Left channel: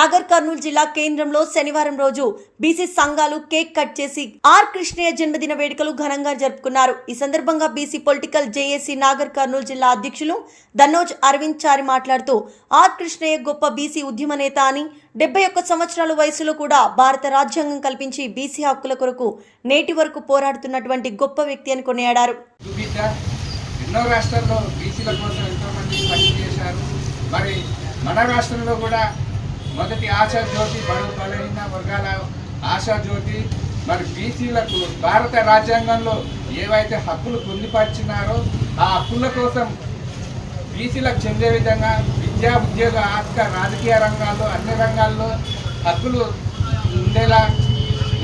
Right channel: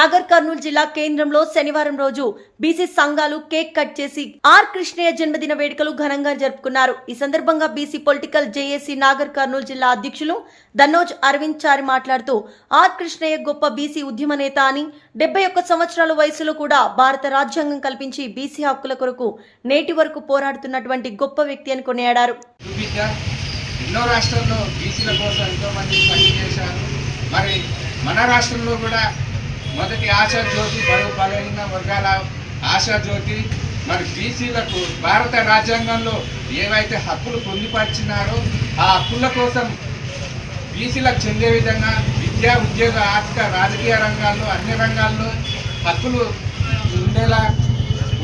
నాగర్ కర్నూలు జిల్లా కేంద్రంలో శనివారం రోజు బీసీ సంఘాలు కేక్ కట్ చేసి ఆర్ కృష్ణయ్య జన్మదిన వేడుకలు ఘనంగా జరుపుకున్నారు. ఈ సందర్భంగా BC political JAC Nagar Kurnool జిల్లా అధ్యక్షులు దన్నోజ్ అరవింద్ చారి మాట్లాడుతూ ఆర్ కృష్ణయ్య గొప్ప బీసీ ఉద్యమ నేత అని 71 సంవత్సరాల వయసులో కూడా భారత రాజ్యాంగం కల్పించి బీసీ హక్కుల కొరకు నేటి వరకు పోరాడుతున్నటువంటి గొప్ప వ్యక్తి అని కొనియాడారు. ఎన్నో రాష్ట్రాల్లో బీసీల కోసం ఎంతో మంది పనిచేశారు. మరి మన రాష్ట్రంలో కూడా మొదటి ఆశాజ్యోతి బడుగు బలహీన వర్గాల ఆశాజ్యోతి మరి బీసీలకు భారత రాజ్యాంగంలో ఏవైతే హక్కులు పొందుపరిచినారో ఆ హక్కుల కోసం బీసీలకు చెందే విధంగా విద్యా ఉద్యోగ ఆర్థిక రాజకీయ రంగాల్లో అన్ని రంగాల్లో హక్కులు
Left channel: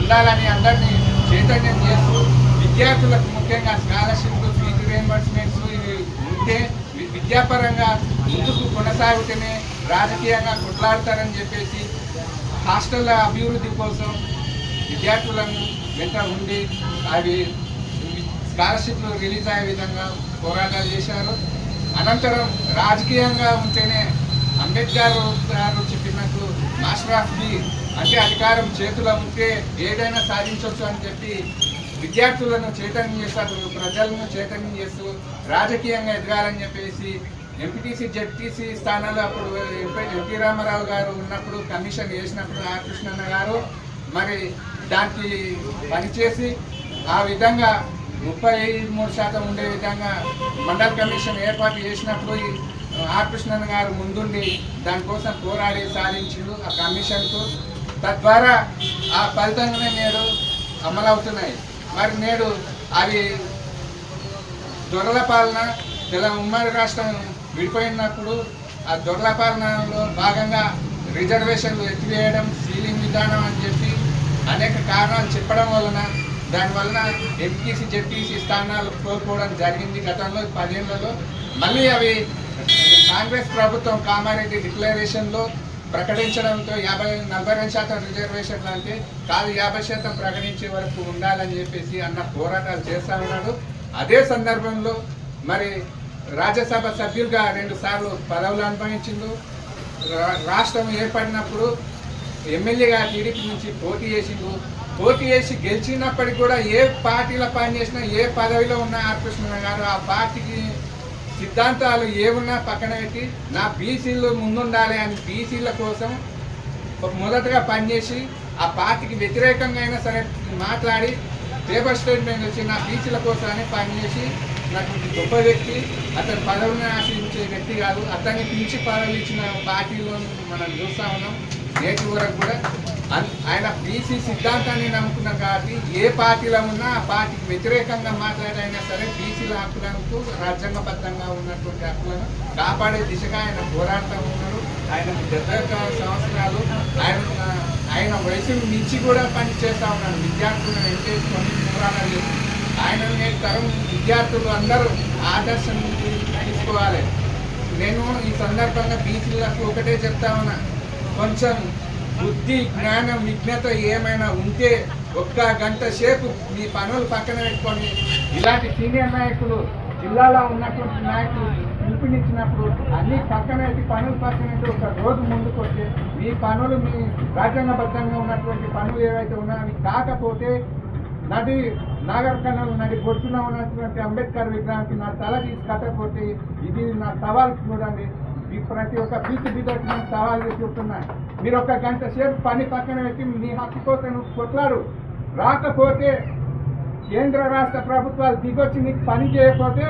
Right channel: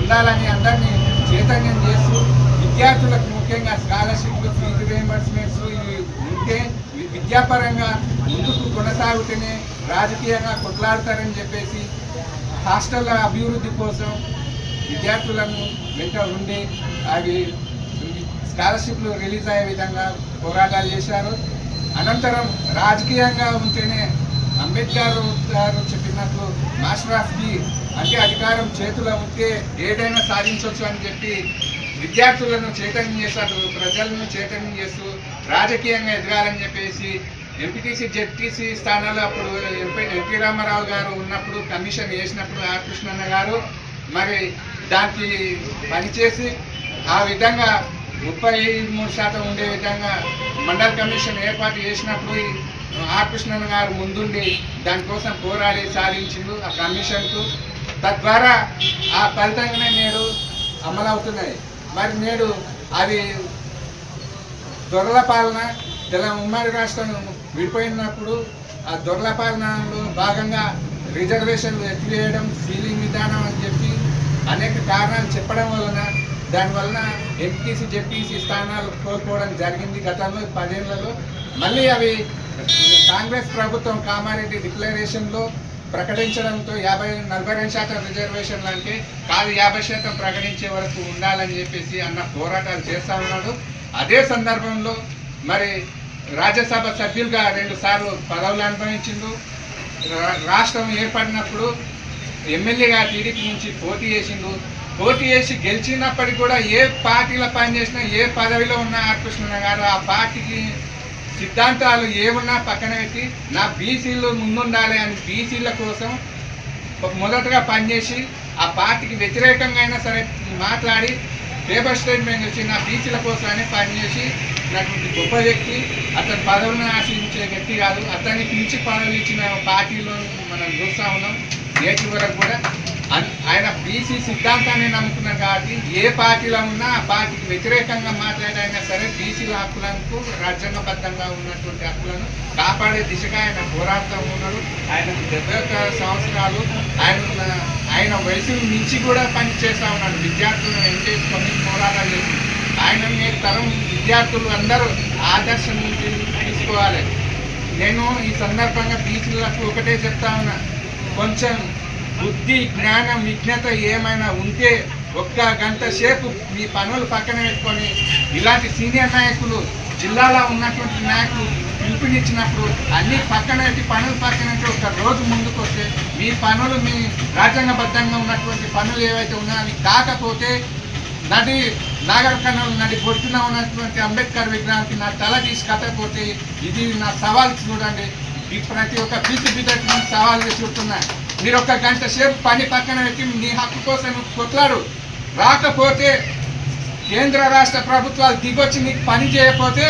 ఉండాలని అందరినీ చైతన్యం చేస్తూ విద్యార్థులకు ముఖ్యంగా స్కాలర్షిప్లు ఫీజు రియంబర్స్మెంట్స్ ఉంటే విద్యాపరంగా ముందుకు కొనసాగుతూనే రాజకీయంగా కొట్లాడతారని చెప్పేసి హాస్టళ్ల అభివృద్ధి కోసం విద్యార్థులను వెంట ఉండి అవి స్కాలర్షిప్లు రిలీజ్ అయ్యే విధంగా పోరాటాలు చేశారు. అనంతరం రాజకీయంగా ఉంటేనే అంబేద్కర్ గారు చెప్పినట్టు మాస్టర్ ఆఫ్ ది అంటే అధికారం చేతిలో ఉంటే ఏదైనా సాధించవచ్చు అని చెప్పి విద్యార్థులను చైతన్యం చేశారు. ప్రజలను చైతన్యం చేస్తూ రాజకీయంగా ఎదగాలని చెప్పేసి ఎంపీటీసీ జెడ్టీసీ స్థానాలు అప్పుడు ఎన్టీ రామారావు గారు ఉన్నప్పుడు కమిషన్ చేసినప్పుడు ఆర్ కృష్ణన్న గారు మరి దానికి పనిచేసి ఆ విధంగా 33% ఉండే విధంగా మండల కమిషన్ ఏర్పాటు చేసినప్పుడు ఆర్ కృష్ణన్న గారు ముందుండి దానికోసం పోరాడి సాధించిండు ఆ కమిషన్కు. తద్వారా ఆ ఫలితంగానే నేడు అమలవుతున్నాయి. మరి నేడు అది దొరల పాలన ఉమ్మడి రాష్ట్రం విడిపోయినప్పుడు ఆ దొరల పాలనలో భాగంగా రిజర్వేషన్లు ఎత్తివేయడం సీలింగ్ విధానం అని చెప్పి అనేక కారణాలు చెప్పడం వలన దానివలన ఎంపీసీ జెడ్పీసీ స్థానాలు కోల్పోవడం జరిగింది. గతంలో 10 ఏళ్లలో మళ్ళీ అవి కాంగ్రెస్ ప్రభుత్వం కామారెడ్డి డిక్లరేషన్లో ప్రకటించడంతో 42% రిజర్వేషన్లు అంటే కాదు 50% ప్రకటించే వరకు ఉండాలని చెప్పేసి అన్న పోరాటాలు చేస్తూ ఉన్నాడు. అదే సందర్భంలో మరి రాజ్యసభ సభ్యులుగా 2 సార్లు పదవులు అనుభవించిండు. రాష్ట్రం ఏర్పడినప్పుడు ఎమ్మెల్యేగా టీడీపీ నుంచి పోటీ చేసిండు. పోటీ చేసి గెలిచినప్పటికీ కూడా ఏ పార్టీలో పనిచేసినా ఏ పదవిలో ఉన్న ఆర్ కృష్ణన్న గారు ఆ పార్టీకి సిద్ధాంతాలు ఏమున్నా పక్కన పెట్టి నా బీసీలు ముందుండాలి అని బీసీల కోసం మొదటగా పనిచేసి ఆ పార్టీకి వ్యతిరేకంగా అయినా సరే మాట్లాడి పేపర్ స్టేట్మెంట్ వచ్చి నా బీసీల కోసమనే పనిచేసి నటువంటి గొప్ప వ్యక్తి. అతను పదవులను ఆశించే వ్యక్తి కాదు. అతన్ని పిలిచి పదవి ఇచ్చిన పార్టీలో మనం చూస్తూ ఉన్నాం. నేటి వరకు కూడా ఆయన బీసీ సిద్ధాంతాన్ని నమ్ముకున్నారు కాబట్టి ఏ పార్టీలో ఉన్నా ఆ పార్టీకి వ్యతిరేకంగా మాట్లాడైనా సరే బీసీల హక్కులకు రాజ్యాంగబద్ధంగా ఉన్నటువంటి హక్కులను కాపాడే దిశగా ఆయన పోరాడుతూ ఉన్నారు. ఆయనకు 71 సంవత్సరాలు ఆయన వయసును మించి కూడా పని చేస్తూ ఉన్నాడు. విద్యార్థులను ఎంచేసుకొని పోరాటాలు చేసి ఆయన నేటి తరం విద్యార్థులు అందరూ ఆదర్శం తీసుకోవాలి. నేను ఈ సందర్భంగా బీసీలకు ఒకటే చెప్తా ఉన్నా, కొంచెం బుద్ధి జ్ఞానం విజ్ఞత ఏమైనా ఉంటే ఒక్క గంట సేపు మీ పనులు పక్కన పెట్టుకొని ఇలాంటి సీనియర్ నాయకులు జిల్లాలో ఉన్నటువంటి నాయకులు పిలుపునిచ్చినప్పుడు అన్ని పక్కన పెట్టి పనులు పక్కన పెట్టి ఒక రోజు ముందుకు వస్తే మీ పనులు మీ రాజ్యాంగబద్ధంగా ఉన్నటువంటి పనులు ఏవైతే ఉన్నాయో అవి కాకపోతే నాగర్ కర్నూలు నడి బొట్టున ఉన్నటువంటి అంబేద్కర్ విగ్రహానికి నా తల తీసి కట్టకపోతే ఇది నా సవాల్ చూడండి. ప్రతి ఒక్క బీసీ బిడ్డకి నేను సవాల్ చూస్తున్నా. మీరు ఒక గంట సేపు పని పక్కన పెట్టి నీ హక్కు కోసం కొట్లాడు. రాకపోతే కేంద్ర రాష్ట్ర ప్రభుత్వాలు దిగొచ్చి నీకు పని చేయకపోతే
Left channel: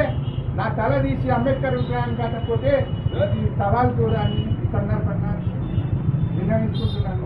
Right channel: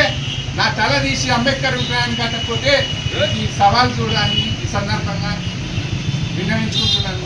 నా తల తీసి అంబేద్కర్ విగ్రహాన్ని కట్టకపోతే ఈ సవాల్ చూడాలని ఈ సందర్భంగా విన్నవించుకుంటున్నాను.